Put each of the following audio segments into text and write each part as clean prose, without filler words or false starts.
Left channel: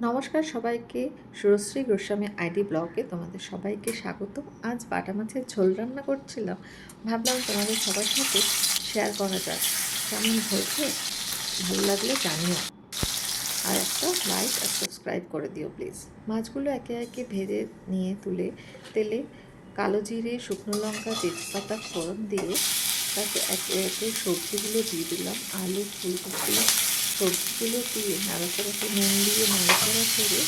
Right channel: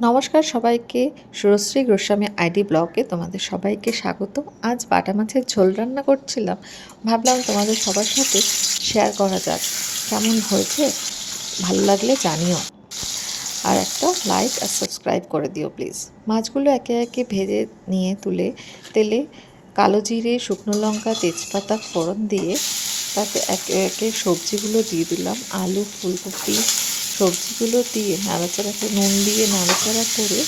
নমস্কার সবাইকে, সুরশ্রী গোস্বামী আইডি ব্লগে তোমাদের সবাইকে স্বাগত। আজ বাটা মাছের ঝোল রান্না করছিলাম, ভাবলাম তোমাদের সবার সাথে শেয়ার করা যাক। কেমন হয়েছে ভালো লাগলে জানিও, আর একটা লাইক আর সাবস্ক্রাইব করে দিও প্লিজ। মাছগুলো একে একে ভেজে নিয়ে তুলে তেলে কালো জিরে, শুকনো লঙ্কা, তেজপাতা ফোড়ন দিয়ে তারপর একে একে সবজিগুলো দিয়ে দিলাম। আলু, ফুলকপি সবজিগুলো দিয়ে নাড়াচাড়া করে নুন দিয়ে নাড়াচাড়া করে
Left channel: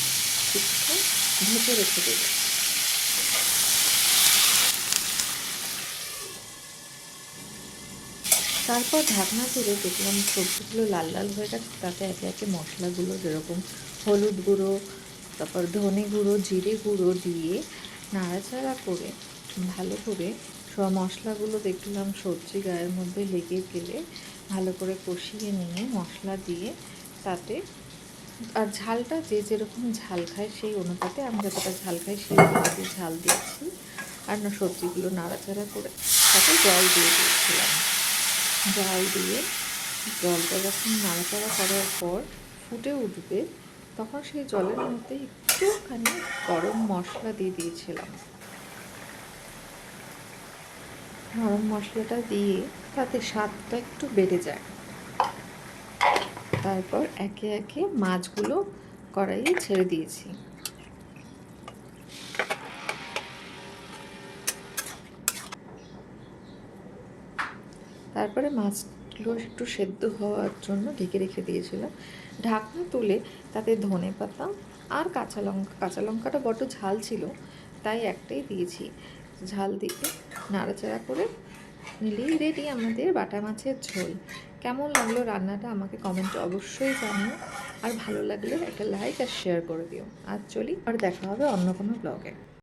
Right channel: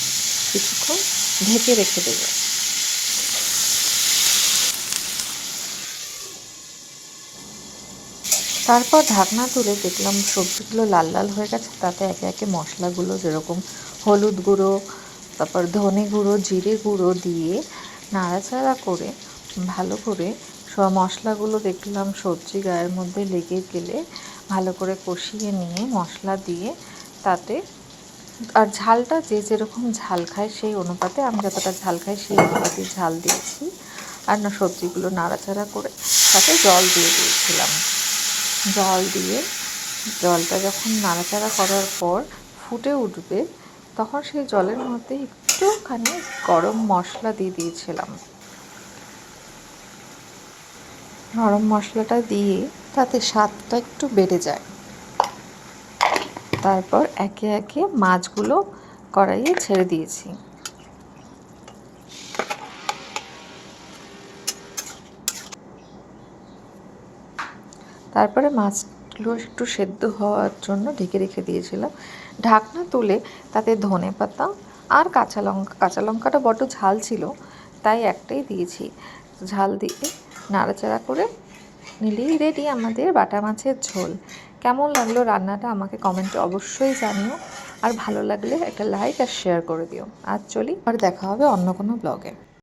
কিছুক্ষণ ঢেকে রেখে দেবো। তারপর ঢাকনা তুলে দেখলাম সবজিগুলো লাল লাল হয়ে গেছে। তাতে একে একে মশলাগুলো যেরকম হলুদ গুঁড়ো, তারপর ধনে গুঁড়ো, জিরে গুঁড়ো দিয়ে নাড়াচাড়া করে ভালো করে সব মশলাগুলো দেখলাম সবজি গায়ের মধ্যে লেগে গেলে ভালো করে কষিয়ে নিয়ে মশলা দিয়ে তাতে আর ঝালটা যে যেরকম ঝাল খায় সেই অনুপাতে, আমি যতটা ঝাল খাই সেই অনুপাতে ঝাল দিয়েছি। আর না সবজিগুলো নাড়াচাড়া করে তাতে জল দিয়ে দিয়েছিলাম। জল দিয়ে জলটা যখন নাড়াচাড়া করার পর ফুটে উঠবে, তখন সেই জলের মধ্যে একটুখানি গরম মশলা দিয়ে দিয়েছিলাম। গরম মশলাটা দিয়ে তাতে স্বাদটা একটু বেড়ে যায়। তারপর একে একে মাছগুলো কড়াইয়ে ছেড়ে দিয়েছি। তারপরে মাছগুলো একটু সেদ্ধ হওয়ার জন্য ঢেকে রেখে দিয়েছিলাম। ঢাকনা তুলে তাতে ধনেপাতা আর কাঁচা লঙ্কাটা বড্ড ঝাল ছিল, তাই একটাই দিয়েছি। ঝাল দিয়ে নাড়াচাড়া করে নিলেই রেডি আমাদের বাটা মাছের ঝোল। কেমন লাগলো রান্নাটা আমাকে কমেন্টে অবশ্যই জানিও, আর ভালো লাগলে একটা লাইক আর শেয়ার করে দিও। আর চলি, আর দেখা হবে অন্য কোনো ব্লগে।